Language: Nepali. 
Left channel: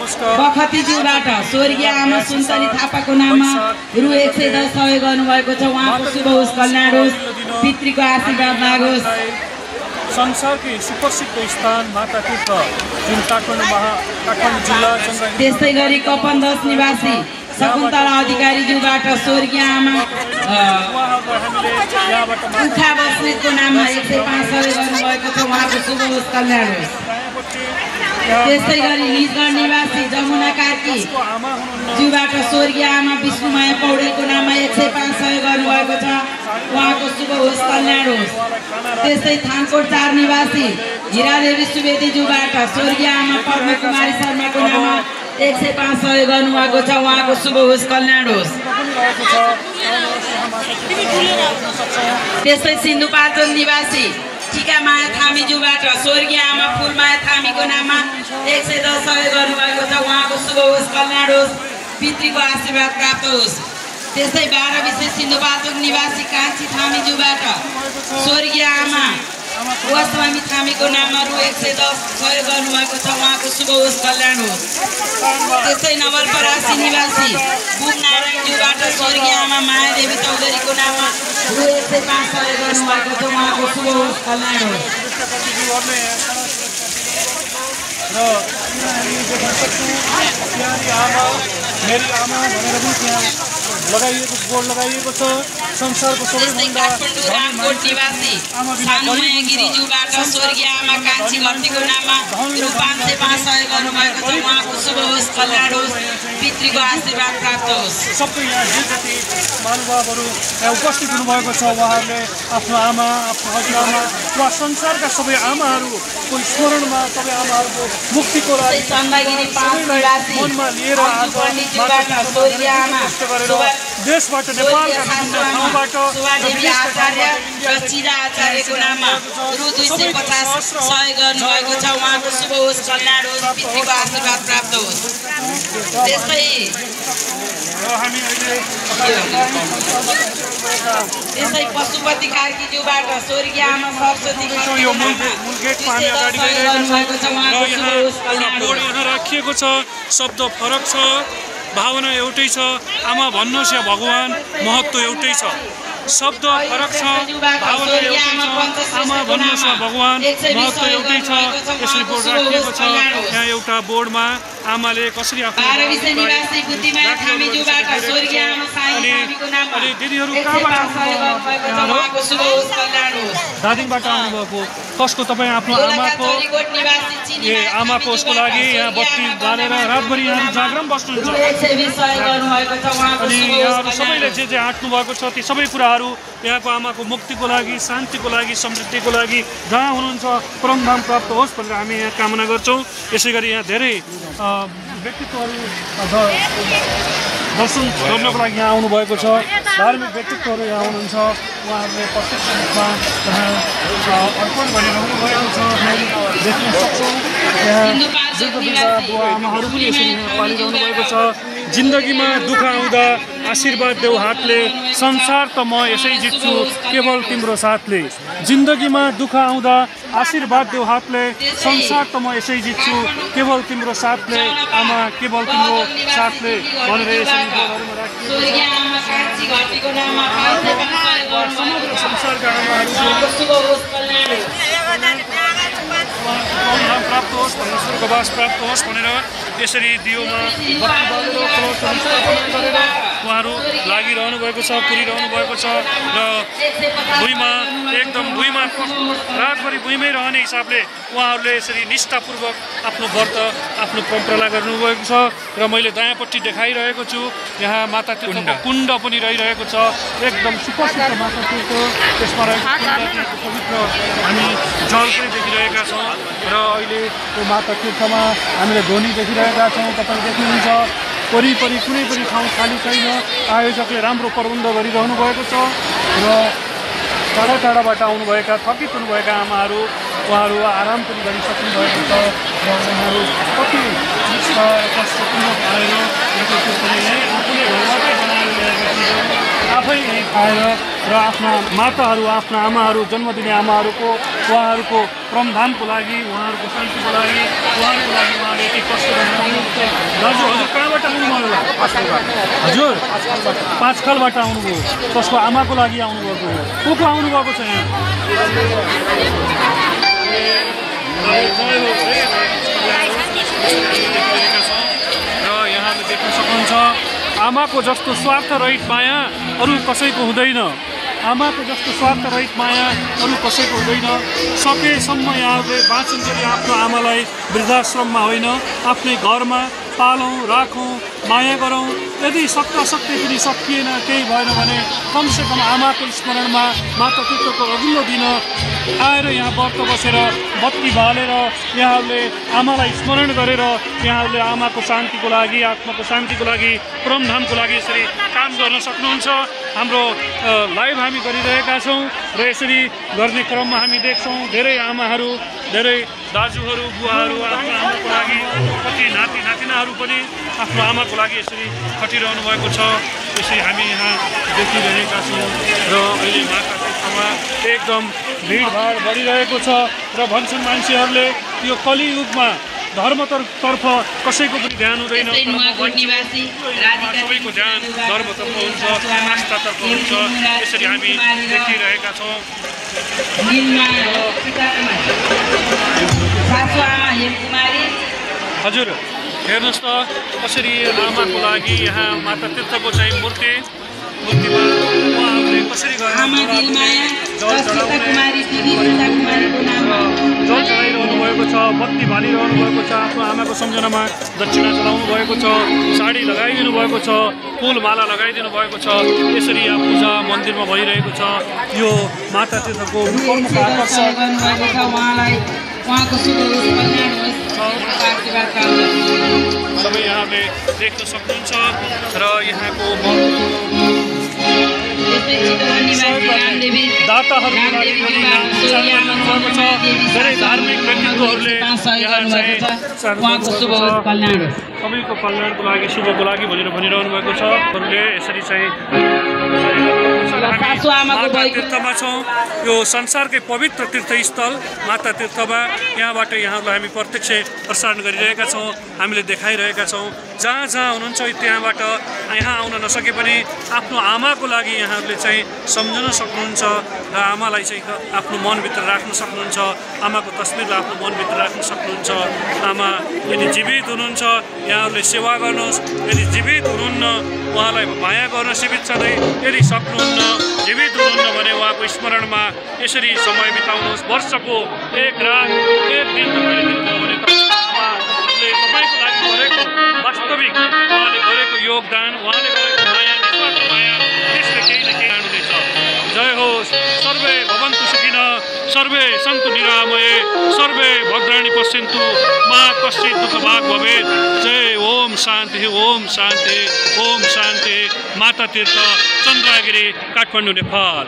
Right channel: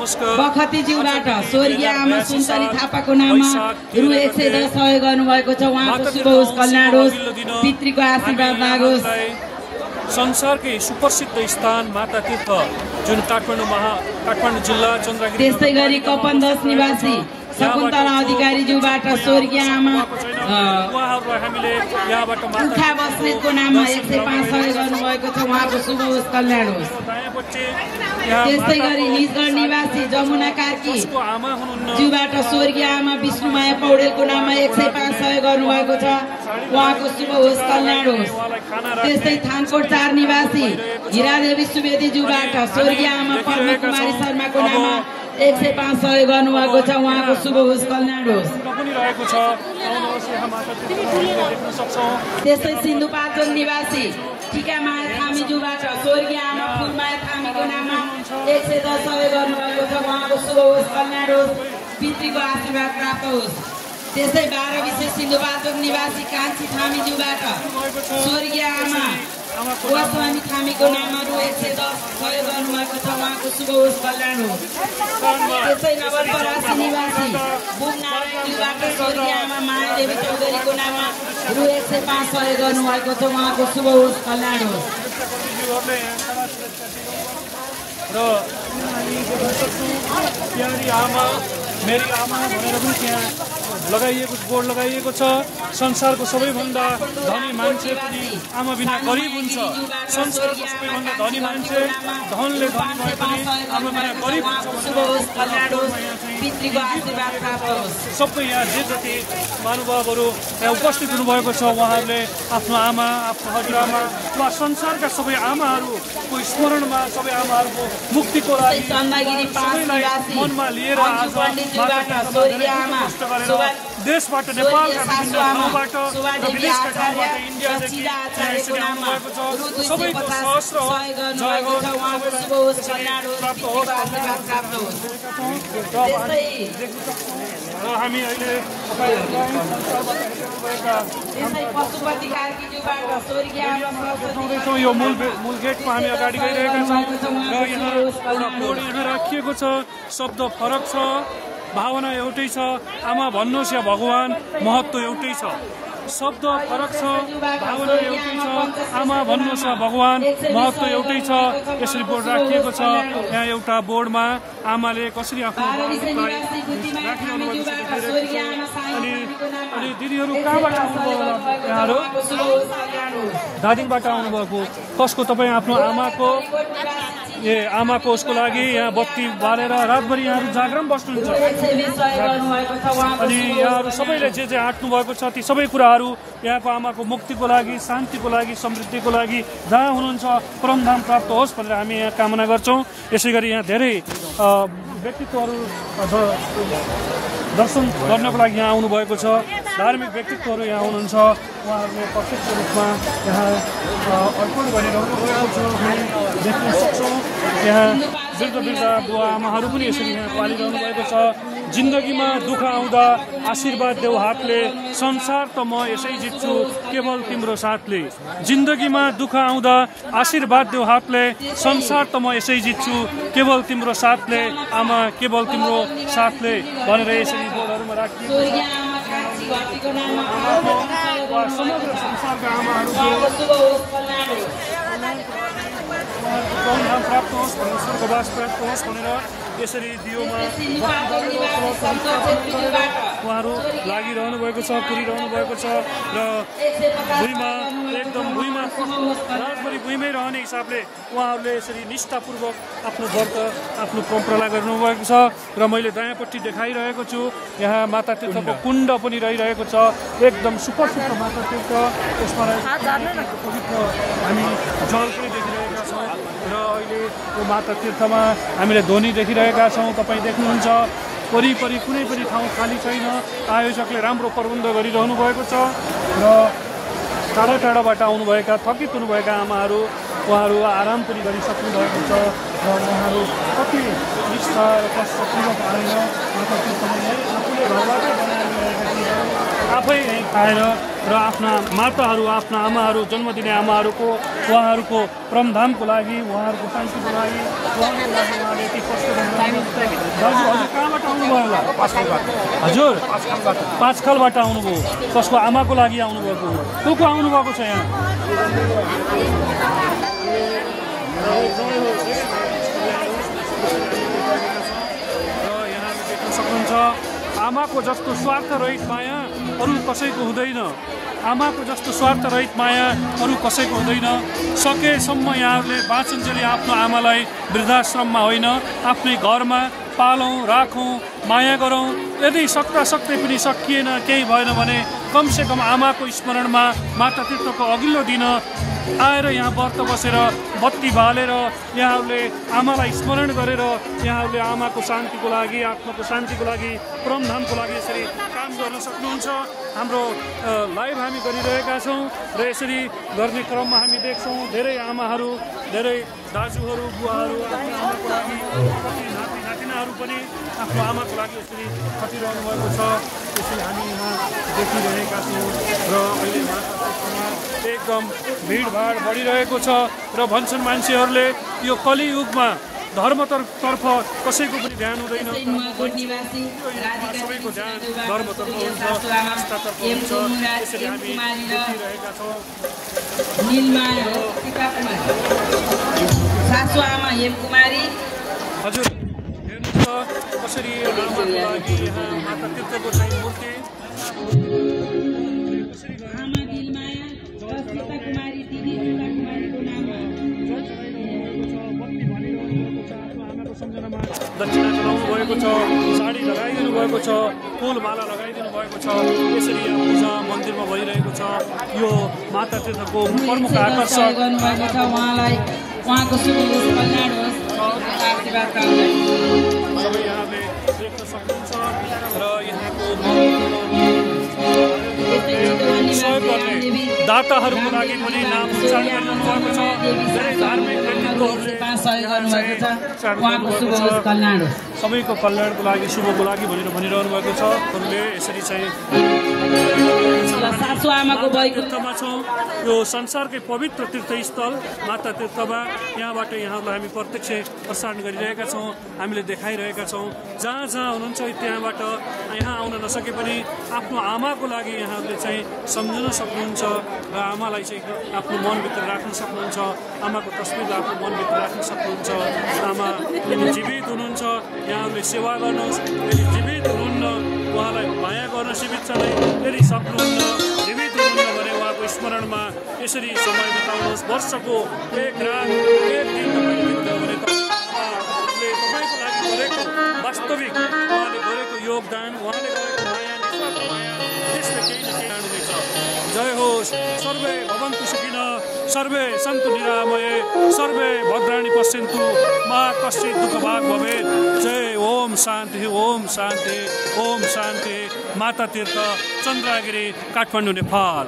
बखतीज्यूबाट स्वर्गीय आमा सुन्तली थापाको नाममा रु 110 सहयोग गर्नुभएको छ। उहाँको शुभ होस्, कल्याण होस्, पितृको आशीर्वाद लागोस्। संसारकै सुप्रसिद्ध स्थान माता तीर्थ जुन काठमाडौँ जिल्ला चन्द्रगिरी। त्यस्तै गरी कपन 10 निवासी शकुन्तला अधिकारीज्यूबाट स्वर्गीय आमा उखा बस्नेतको नाममा 105 सहयोग गर्नुभएको छ। उहाँको शुभ होस्, कल्याण होस्। त्यस्तै गरी निजगढ निवासी जमुना कार्की ज्यूबाट स्वर्गीय आमा विष्णुमाया पौडेलको नाममा 105 सहयोग गर्नुभएको छ। उहाँको शुभ होस्, कल्याण होस्। त्यस्तै थानकोट 4 निवासी हिरादेवी सुवेदी ज्यूबाट स्वर्गीय आमा पद्म कुमारी शर्माको नाममा 105 सहयोग गर्नुभएको छ। उहाँको शुभ होस्, कल्याण होस्। त्यस्तै सिन्धुपाल्चोक निवासी टिकामाया थामीज्यूबाट स्वर्गीय आमा फुलमाया थामीको नाममा 110 सहयोग गर्नुभएको छ। उहाँको शुभ होस्, कल्याण होस्, पितृको आशीर्वाद प्राप्त होस्। त्यस्तै 12 विशेष सिन्धुपाल्चोक निवासी कान्छी थामीज्यूबाट स्वर्गीय आमा गोस्वामी थामीको नाममा रु 110 सहयोग गर्नुभएको छ। उहाँको शुभ होस्, कल्याण होस्। त्यस्तै नवलपरासी निवासी बुकनारायणज्यूबाट स्वर्गीय आमा मायादेवी चौधरीको नाममा रु 105 सहयोग गर्नुभएको छ। उहाँको शुभ होस्, कल्याण होस्। लगाइएको छ। संसारको सबैभन्दा रामकोट निवासी गिरिज्यूबाट स्वर्गीय आमा कान्छी घन्टीको नाममा रु 505 सहयोग गर्नुभएको छ। उहाँको शुभ होस्, कल्याण होस्, पितृको आशीर्वाद प्राप्त होस्। सबै यहाँ जे जति महानुभावहरू यहाँ उपस्थित हुनुभएको छ उहाँहरूले आफ्नो आमा, आफ्नो हजुरआमा वा संसारका सबै आमाहरूको स्मरणमा सबै आमाहरूको मुक्तिको लागि मनमा लिएर देशबाट नेपालका विभिन्न ठाउँबाट आचार्यको नाममा रु 250 सहयोग गर्नुभएको छ। उहाँको शुभ होस्, कल्याण होस्, पितृको आशीर्वाद प्राप्त होस्। त्यस्तै पशुपति कार्कीज्यूबाट स्वर्गीय आमा सरस्वती राखिएको छ। शब्द फरक छ, भावना एउटै छ। आमा भन्नुहोस् या भगवान, महत्त्व एउटै छ। शब्द फरक छ, भावना एउटै छ। आमा भन्नुहोस् या भगवान, महत्त्व एउटै छ। यसरी बोर्ड राखिएको छ। यहाँ एउटा बोर्डमा आमाले कसरी आफ्नो दिदीहरू कहाँबाट दार्जिलिङबाट आउनुभएको? कसको तपाईँ आफ्नो आमाको आमाको उसको लागि यहाँ बत्ती बालेर रातभरि यहाँहरू जागरण बस्नुहुन्छ। अनि यहाँहरू सबैले जे जे आँट्नु भएको छ ती सबै कुराहरू यहाँको आमाको मुक्तिको लागि, शान्तिको लागि, समृद्धिको लागि जहाँ हुनुहुन्छ परमधाम प्राप्त होस् भनेर हामी यहाँ कामना गर्छौँ। यसै गरी यहाँ धेरै व्यक्तित्वहरू दर्शन गर्नको लागि यहाँ आउनुभएको छ। धार्मिक व्यक्तित्वहरू यहाँ हुनुहुन्छ। उहाँहरूले प्रत्यक्ष रूपमा अर्पण गरिरहनु भएको छ। हामी देख्न सक्छौँ यहाँ आमाहरू पनि यसरी यहाँ पालिरहनु भएको छ। जिन्दगीमा दुःख आउँदा आशीर्वाद देऊ हातले, संसार त म यसै जित्छु केवल तिम्रो साथले। जिन्दगीमा दुःख आउँदा आशीर्वाद देऊ हातले, संसार त म यसै जित्छु केवल तिम्रो साथले। आमा केवल तिम्रो साथले भनेर यसरी प्राप्त होस्, स्वर्गवास प्राप्त होस् भनेर यसरी दियोमा उहाँहरू लागिरहनु भएको छ, पुरिरहनु भएको छ। र भुइँमा एकदम रातभरि भुइँमै रहने हिसाबले उहाँहरूले यसरी निष्ठापूर्वक आफ्नो व्रत, आफ्नो परम्परा गर्नुभएको छ। र मैले दायाँपट्टि देखाइरहेको छु यहाँ माता तीर्थको कुण्ड पनि रहिरहेको छ। एकदम सुप्रसिद्ध माता तीर्थ, यसमा रहेको पवित्र हामी जल पनि देखिरहेका छौँ। र अहिले त्यो माता तीर्थमा हामीले ध्वनि देखिरहेका छौँ। तपाईँ देख्नुहुन्छ वरिपरि कुनै पनि ठाउँ खाली छैन। आयोजकले राम्रो प्रबन्ध गरिरहनु भएको छ। र टाढा टाढाबाट आउनुभएका थकित हुनुभएका आमाहरू उहाँहरू आराम पनि गरिसक्नु भएको छ। र उहाँहरू कति कष्टपूर्वक आएर आफै आएर र आफ्ना माताहरू, आफ्ना आमाहरू, जन्मदिने आमाहरूको उहाँहरूको परमधामको लागि, उहाँहरूको शान्तिको लागि, उहाँले यति कष्ट गरिरहनु हजुर 5 खालबाट आउनुभयो कसको आमाको लागि आउनुभएको को आउनुभएको छ यहाँ र यहाँले देख्न सक्नुहुन्छ आमाको जस्तो स्वार्थरहित माया अरू कसैको हुँदैन आमाको जस्तो स्वार्थरहित माया अरू कसैको हुँदैन सकेसम्म यहाँहरूले बाँचुन्जेली आफ्नो आमालाई वृद्धाश्रममा होइन आफ्नै घरमा पालौँ राखौँ माया गरौँ यदि सक्दै पनि सकिएन केही भएन भने कमसेकम आमाको स्मरणमा माता तीर्थको अघिल्लो दिन आएर यहाँ व्रत बसेर बत्ती बालेर यहाँहरूले आमालाई स्मरण गरेर यहाँहरूले आमाको शान्तिको लागि आत्माको शान्तिको लागि परमधामको लागि यसरी काम गर्न सक्नुहुन्छ हाम्रो लाइभ हामी गरिरहेका छौँ र यसरी गर्ने क्रममा हामी देख्छौँ धेरै आमाहरू धेरै दाजुहरू बुवाहरू आफ्नो आमाको लागि कति नाति नातिनाहरू पनि आफ्नो आमाको लागि यसरी खटिरहनु भएको छ यसरी हामी यहाँ देखिरहेका छौँ र अहिले माता तीर्थमा एकदम भिडभाड बढिरहेको छ र भन्छन् मान्छेहरूले यो कलियुगमा धर्मतर्फ कसैको पनि ध्यान हुँदैन सबैको ध्यान धर्मतर्फ हुन्छ आस्थातर्फ हुन्छ यसरी हामी देखिरहेका छौँ हजुर हेर्नुहोस् त कसरी आमाको लागि यहाँ माता तीर्थको चाहिँ मूर्तिमा उहाँहरूले कसरी जल चढाइरहनु भएको छ बत्ती बालिरहनु भएको छ आफ्नो आमाको सम्झनामा दक्षिणा चढाउनु भएको छ साडी लगाइदिनु भएको छ फुलमाला लगाइदिनु भएको छ यसरी यहाँ पूजा मन्दिरमा भइरहेको छ यो माता तीर्थको सबै यहाँले देख्न सक्नुहुन्छ र यहाँको दाताहरू धेरै धार्मिक व्यक्तित्वहरूले यहाँ चाहिँ सबैको कल्याणको लागि शुभको लागि भनेर भनिरहनु भएको छ अरूले यसरी चाहिँ माता तीर्थमा छौँ यो संसारकै पवित्र तीर्थस्थल माता तीर्थमा यहाँबाट यहाँहरूलाई हामी प्रत्यक्ष प्रसारण गरिरहेका छौँ हामीले देखाइरहेका छौँ जहाँ जहाँ हुनुहुन्छ त्यहाँबाट यहाँ आउन नसके पनि आफ्नो आमाको लागि यहाँहरूले चाहिँ सम्झन सक्नुहुन्छ र आमालाई चाहिँ आफ्नो मनभित्र राख्न सक्नुहुन्छ आमाको तस्बिरलाई आफ्नो मनभित्र राख्न सक्नुहुन्छ आमा यदि जीवित हुनुहुन्छ यहाँहरूले सेवा गर्नुहोस् यदि जीवित हुनुहुन्न उहाँलाई माया गर्न सीमित छँदै यदि सक्नुहुन्न जीवित हुनुहुन्न भने उहाँको स्मरणमा यसरी समय बिताउनुहोस् वर्षको एक रात एक दिन तपाईँको लागि गरेको वास्तविक उहाँले गरेको योगदान उहाँले गरेको माया निस्वार्थ माया त्यसले केही न केही आउँदैछ जय होस् सर्वे भवन्तु सुखिनः सर्वे सन्तु निरामये सर्वे भद्राणि पश्यन्तु मा कश्चित् दुःखभाग् भवेत् जय ओम शान्ति ओम शान्ति ओम शान्ति माता तीर्थ चन्द्रगिरी काठमाडौँ नेपाल।